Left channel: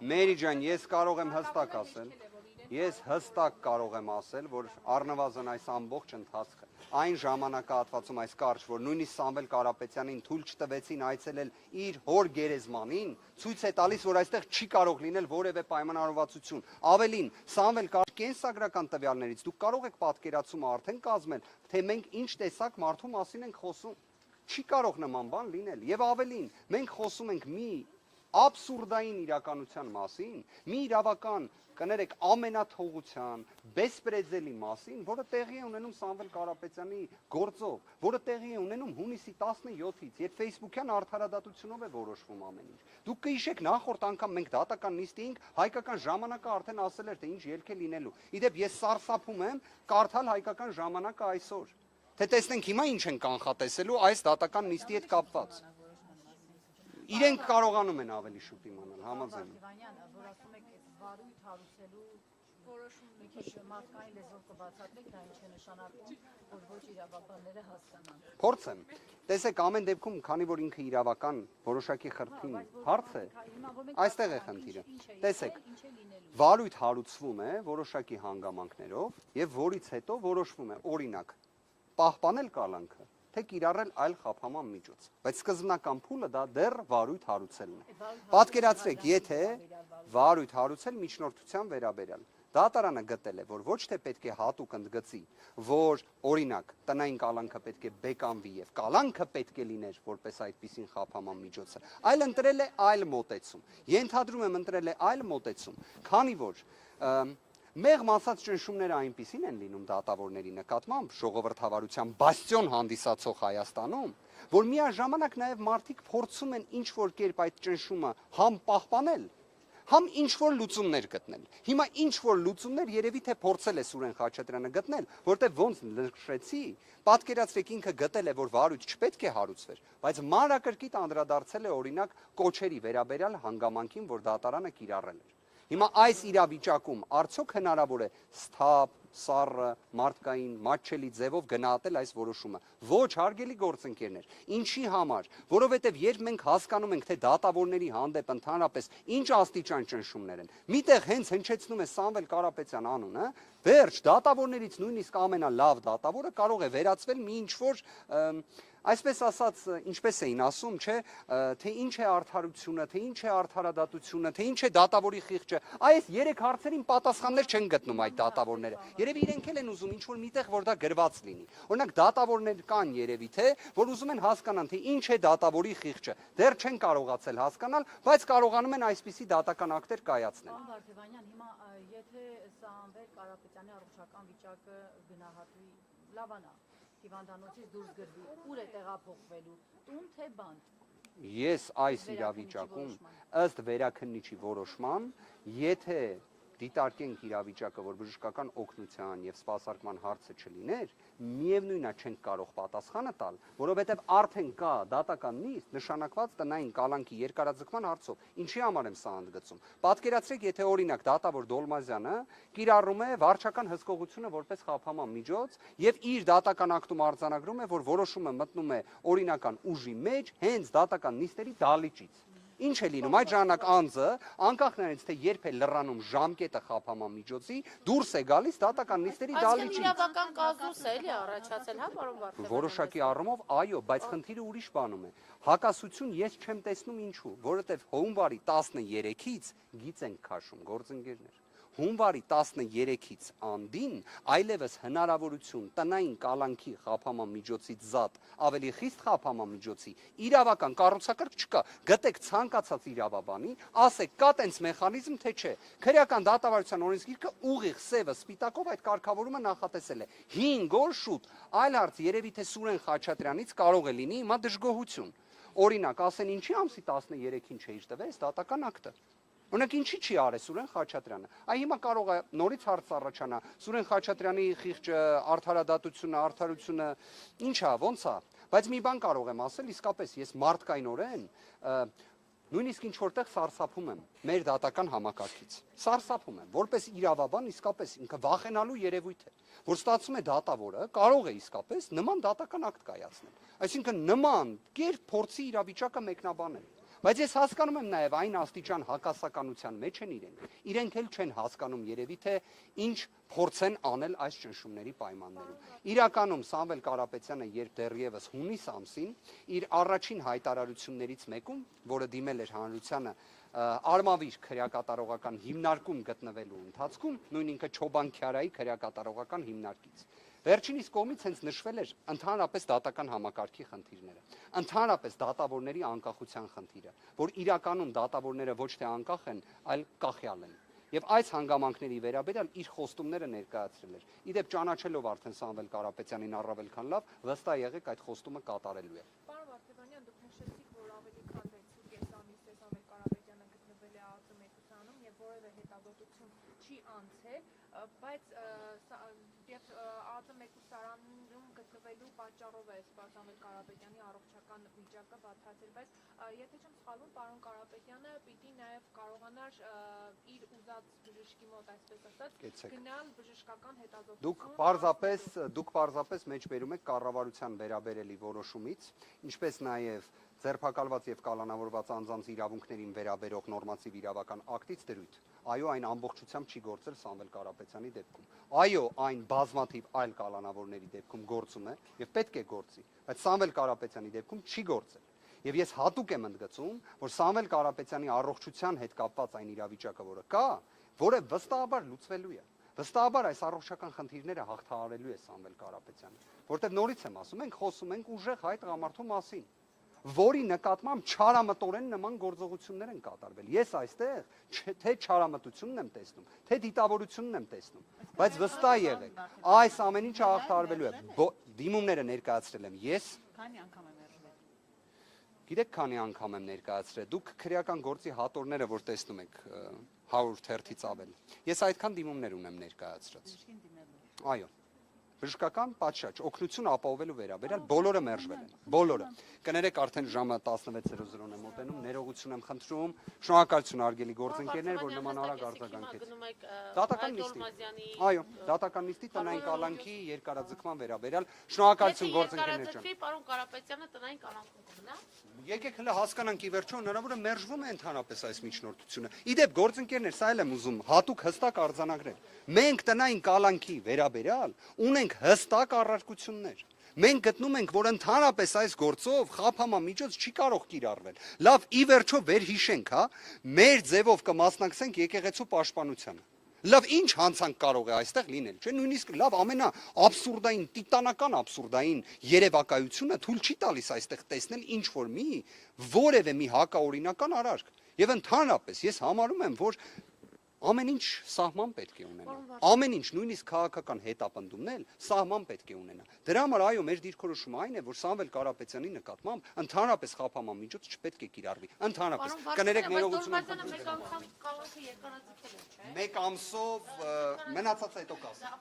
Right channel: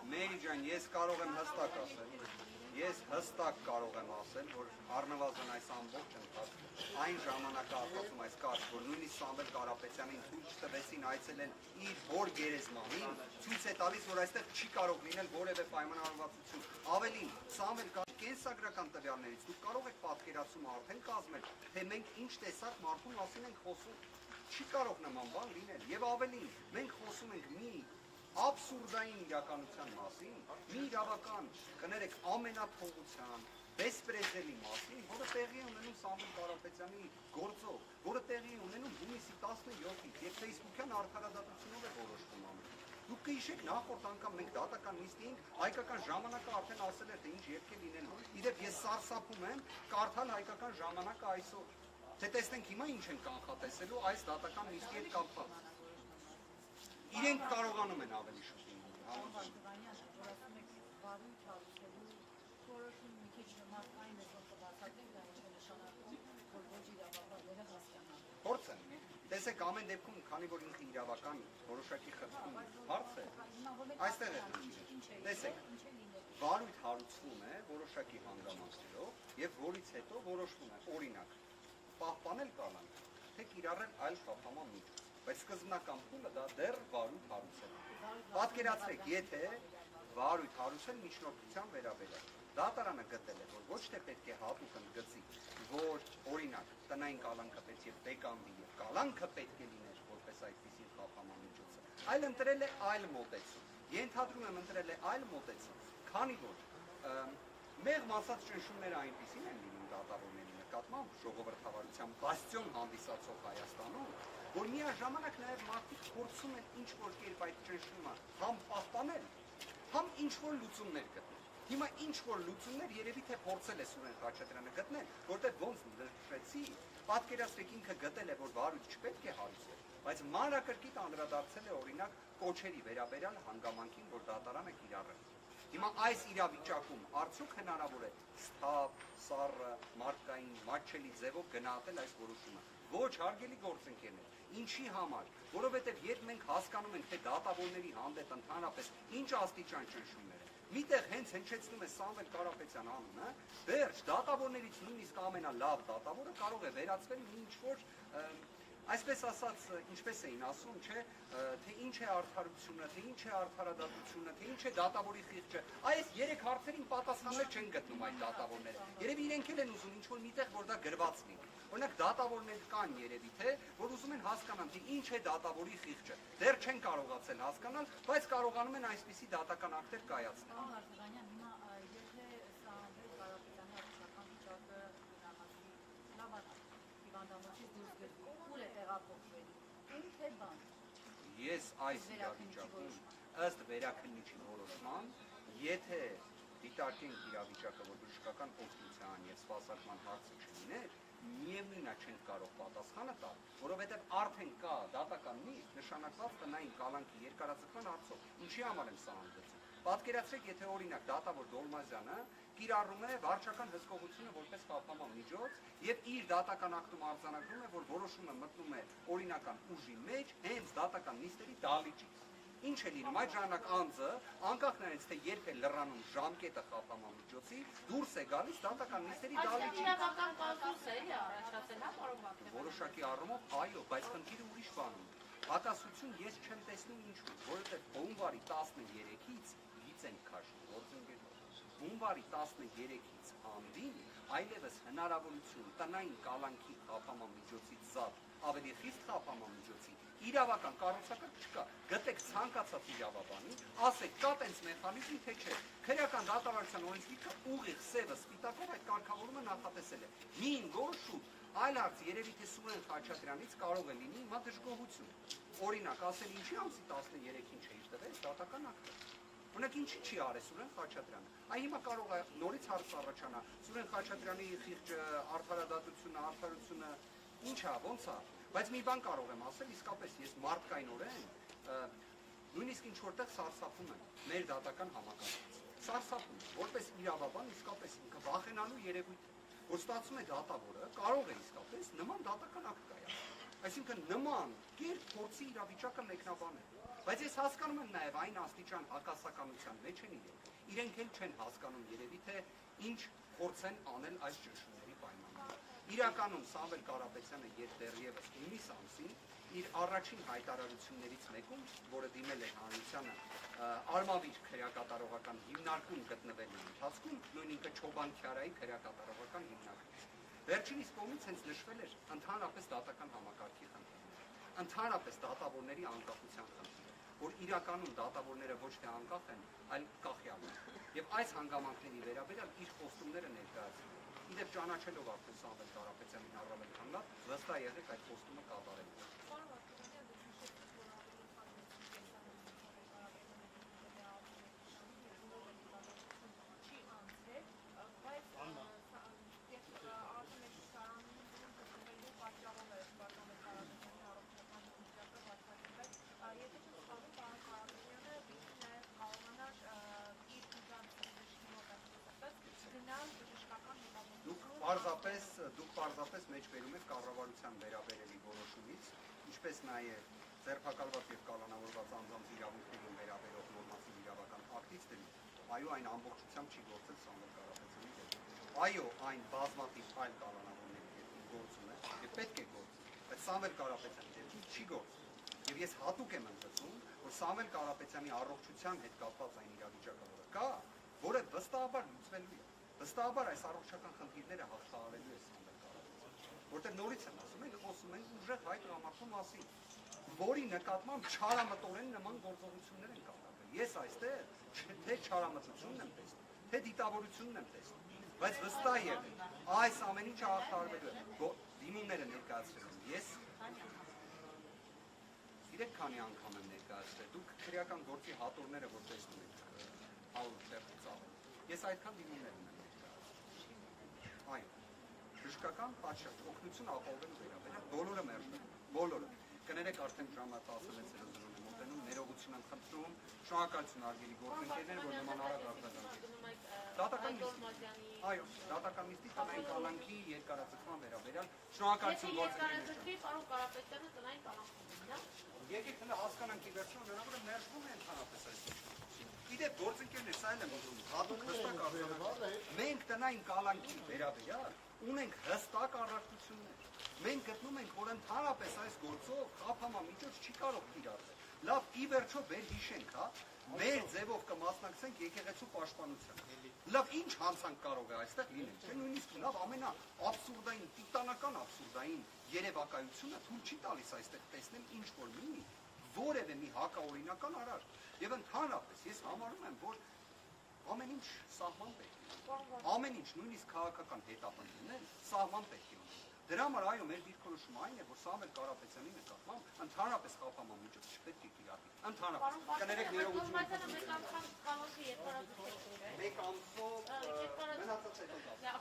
Մերի ջան, ես կարող եմ հստակ ասել, ես հստակ կարող եմ ասել, որ առնվազն այս ամբողջ ընթացքը, այն ժամանակահատվածում այս կարգ, որ նույնիսկ Սամվել Կարապետյանին թույլ չտվեցին այցելել իր հոր գերեզմանին, ցույց է տալիս, որ այստեղ չի կարող լինել որևէ պայմանավորվածություն։ Ավելին, Սամվել կենսագրական տվյալներից դուք կարող եք պատկերացումը արդեն կազմել, թե մենք ինչ տեսակ մարդու մասին ենք խոսում։ Չի կարող նման բան լինել։ Եվ ավելին, մենք խոսում ենք մի աբսուրդային իրականության մասին, մի իրավական, կներեք, ամենաթողության, բեսպրեդելի մասին, որը տեղի է ունենում Սամվել Կարապետյանի գործով, որը տեղի է ունենում հունիսի 17-ից, եւ Facebook-յան արդարադատությունով է որոշվում ամեն ինչ։ Դուք կհիշեք նախորդ անգամ մենք դատական նիստի էինք, հայկական ժամանակը արդեն ասել էր, թե ինչ երգ է լինելու։ Իդեպ ես սարսափում եմ կարդալ հայկական ժամանակը այսօր, թե տեսնենք հիմա ինչ են կանխատեսելու այս դատական նիստի հետ կապված։ Իրենք կարողանում են ավելի շուտ իմանալ, համաձայն Փորձեմ։ Տեսեք, ամեն դեպքում, քանի որ ինքը իրավական որոշակի խրթին հարց է, այստեղ է խնդիրը։ Տեսեք, վարույթ հարուցվում է որոշակի հանգամանքներով եւ որից հետո որոշվում է, օրինակ, պահպանել կալանքը, թե կիրառել այլ խափանման միջոց։ Բայց սկզբնական փուլը դա դեռ վարույթ հարուցելն է։ Պատկերացրեք, եթե վարույթ հարուցել միջնորդության վերաբերյալ Դատարանը գտել է, որ ոչ թե պետք է հատուկ ընդգծի, որ օրինակ տնային կալանքը պետք է բեկանվի եւ կալանքը պետք է լիներ որպես այդպիսին խափանման միջոցը, այլ ընտրել է այլ մոտեցում։ Ենթադրում եմ ընտրել է այլ մոտեցում, քանի որ մեղմ ասած ճնշումները այնպիսին են լինում դատավորների նկատմամբ ժողովրդավարության բաստիոն հանդիսացող Հայաստանում, որ միաժամանակ նաեւ մարդիկ փորձում են ինչ որ կերպ այդ ճնշումը համ պահպանել, համ ինչ-որ լուծումներ գտնել։ Հիմա ինչ-որ լուծումներ երևի թե փորձել է Սուրեն Խաչատրյանը գտնել, որտեղ ոնց նշեցի, պատկերացրեք ինքը գտել է, որ վարույթ չպետք է հարուցվեր, բայց մանրակրկիտ անդրադարձել է օրինակ կոչերի վերաբերյալ հանգամանքին, որ դատարանը կիրառել։ Հիմա այս իրավիճակում արդյոք հնարավոր է սթափ, սառը, մարդկային, մատչելի ձևով գնահատել այս որոշումը։ Ոչ, հարգելի գործընկերներ, ինչի համար, որովհետև երբ մենք հասկանում ենք, թե դատավորների հանդեպ ընդհանրապես ինչ աստիճան ճնշումներ են, միտեղ հենց հնչեցնում է Սամվել Կարապետյան անունը, վերջ դատավորներից նույնիսկ ամենալավ դատավորը կարող է վերածվել մի ինչ-որ այսպես ասած, ինչպես էին ասում, չէ, թե ինչ է արդարությունը, թե ինչ է արդարադատությունը, թե ինչ է դատավորի խիղճը։ Այս երեք հարցերին պատասխաններ չեն գտնում այդ դատավորները։ Երևի իրենք էլ են ուզում ինչ-որ միտեղ, որ դա գրված լինի։ Օրինակ դատավորներ կան երևի թե, որ ուզում են հասկանան, թե ինչ է դատավորի խիղճը։ Դեռ չեն կարողացել հասկանալ, բայց կարողանում են այսպիսի դատական ակտեր կայացնել։ Ես այս իրավիճակում ըստ վերաքննիչի որոշման, եթե դիտարկենք իրավիճակը, որ բժշկական օգնության եւ սպասարկման հարցը չլիներ, միևնույնն է չենք կարող պատասխանը տալ, որովհետեւ արդեն կա դատական նիստ նշանակված տնային կալանքի երկարաձգման հարցով։ Ինչի համար եմ սա ընդգծում։ Պատկերացրեք, եթե օրինակ դատավոր Դոլմազյանը կիրառում է վարչական հսկողությունը որպես խափանման միջոց եւ իր դատական ակտում արձանագրում է, որ որոշումը մտնում է օրինական ուժի մեջ հենց դատական նիստերի դալիճից։ Ինչ է լինում այդ ժամանակ անձը, անկախ նրանից թե երբ է լրանում ժամկետը խափանման միջոցի, դուրս է գալիս դատական նիստերի դալիճից։ Իրավական կազուս է էլի առաջացել, հա, պարոն Բաքրյան։ Որոշակի առումով, այո, բայց խնդիրը ուրիշ բանում է։ Հակասություն ես չեմ տեսնում ինչու, որովհետև հունվարի 13-ից գիծ ենք քաշում, գործընկերներ։ Հունվարի 13-ից անդին այլևս հնարավորություն տնային կալանքի խափանման միջոցից զատ ավելի խիստ խափանման միջոցի իրավական կառուցակարգ չկա։ Գտեք ցանկացած իրավաբանի, ասեք կա տենց մեխանիզմ, թե չէ։ Քրեական դատավարության օրենսգիրքը ուղիղ սևը սպիտակով այդ կարգավորումը նախատեսել է։ 5 օր շուտ, այլ հարց երևի թե Սուրեն Խաչատրյանից կարող է լինի հիմա դժգոհություն։ Օրինակ, ասեն ինչի ամսի 13-ին չէի տվել դատական ակտը։ Օրինակ ինչի չի արել Սուրեն Խաչատրյանը։ Այ հիմա կարող է նորից հարց առաջանա Սուրեն Խաչատրյանի խիղճը, արդարությունը, ինչա, ոնց է։ Բայց մի բան կարող եմ ասել, իսկապես ես մարդկայնորեն նույնիսկ ինչ որտեղ սարսափում եմ մեր դատական համակարգից։ Սարսափում եմ, որպես իրավաբան իսկապես ինքը վախենալու երևույթ է, որ ստացվում է դատավորը կարող է իսկապես նման դատական ակտ կայացնել։ Այսինքն նման կերպ փորձի իրավիճակը մեկնաբանել։ Բայց ես հասկանում եմ նաև այն աստիճան հակասականության մեջ են իրենք էլ չեն հասկանում երևի թե ինչ փորձեն անել այս ճնշումների պայմաններում։ Իրականում Սամվել Կարապետյանը երբ դեռևս հունիս ամսին իր առաջին հայտարարություններից մեկում, որը դիմել էր հանրությանը Արմավիր քրեակատարողական հիմնարկում գտնվելու ընթացքում, նույն ինքը Չոբան-Քյարայի քրեակատարողական հիմնարկից, վերջինիս կողմից հենց նշվել էր ընդհանրապես դատական համակարգի խնդիրները, ընդհանրապես դատավորների անկախության խնդիրը, որ իրականում դատավորները ոչ թե անկախ են, այլ կախյալ են։ Եվ այս հանգամանքների վերաբերյալ իր խոստումները ներկայացրել էր։ Իդեպ ճանաչելով արդեն Սամվել Կարապետյանին առավել քան լավ, վստահ եղեք այդ խոստումը կատարելու է։ Դուք պարզապես մեջ բերում եք կառավարության վերաբերելի որոշումից, ինչպես նաև ձերբակալված եւ կալանավորված անձանց իրավունքներին վերաբերող նորմատիվ իրավական ակտից դրույթ։ Այո, այն ամբողջությամբ չի գործել Սամվել Կարապետյանի դեպքում։ Այո, այն բազմաթիվ այլ կալանավորների դեպքում գործում է եւ պետք է գործի, բայց Սամվել Կարապետյանի դեպքում չի գործել։ Եվ ես հատուկ եմ ընդգծում, որ Սամվել Կարապետյանի առողջության հետ կապված այն իրավիճակը, որը կա, որը վստահաբար լուծվելու է։ Վստահաբար այս առողջական խնդիրները հաղթահարելու է Սամվել Կարապետյանը, որտեղ նորից եմ ասում, մենք խոսում ենք ուժեղ հայ տղամարդու մասին, որի նկատմամբ չարամտորեն նման գործողություններ են կատարվել։ Ես այստեղ թե չարամտությունն եմ տեսնում, թե դիտավորությունն եմ տեսնում, բայց վստահ եղեք, այս ամեն ինչը հաղթահարվելու է։ Դիմումները ներկայացրել եմ ես։ Գիտեք քանի անգամ եմ ներկայացրել, դուք քրեական գործի հատորները, որ տեսնում եք 100 թերթից ավել, ես այդքան դիմումներ ունեմ ներկայացրած։ Այո, բժշկական պատշաճ, օգնություն ապահովելու վերաբերյալ բոլորը մերժվել են, բոլորը։ Կներեք արդեն ժամը 16:00-ն եմ մոտենում, ներողություն եմ խնդրում, շնորհակալություն արգելի գործընկերներ, որ նման արագ արձագանքեցին։ Դատական նիստի։ Այո, դատական նիստի տնային կալանքի երկարաձգման վերաբերյալ շնորհակալություն գործընկերներ ջան։ Պարոն Կարապետյանը տնային կալանքով գնա։ Եկեք հենց հասկանանք ի վերջո հնարավոր է մերժվում է ընդհանրապես այս միջնորդությունը։ Իդեպ գործընկերներ, սա էլ եմ ուզում հատուկ հստակ արձանագրել։ Մենք տնային կալանքի վերաբերյալ ունենք հստակ առարկություններ։ Մենք գտնում ենք, որ ընդհանրապես այս գործով խափամամիջոց չի կարող կիրառվել։ Լավ, ի վերջո վերհիշենք, հա, մեր ձևով կմասնակցենք եկեղեցու պաշտպանությանը։ Լավ, ինչ հանցանք կարող է այստեղ լինել, չէ՞, նույնիսկ լավ ամենաաբսուրդային, տիտանական աբսուրդային երևակայությունը թույլ չի տալիս այստեղ տեսնել ինչ որ որևէ մի հակաօրինական արարք։ Եվ ընդհանրապես ես համարում եմ, որ ամեն ինչ սահման պետք է ունենա։ Ամեն ինչ, նույնիսկ քաղաքական հետապնդումն սահման պետք է ունենա։ Դրա համար այո, մեր դիրքորոշումը այն է, որ Սամվել Կարապետյանի նկատմամբ ընդհանրապես խափամամիջոց չպետք է կիրառվի։ Ընդհանրապես, կներեք ներողություն մեկ ամսով մնացած հետո կասեմ։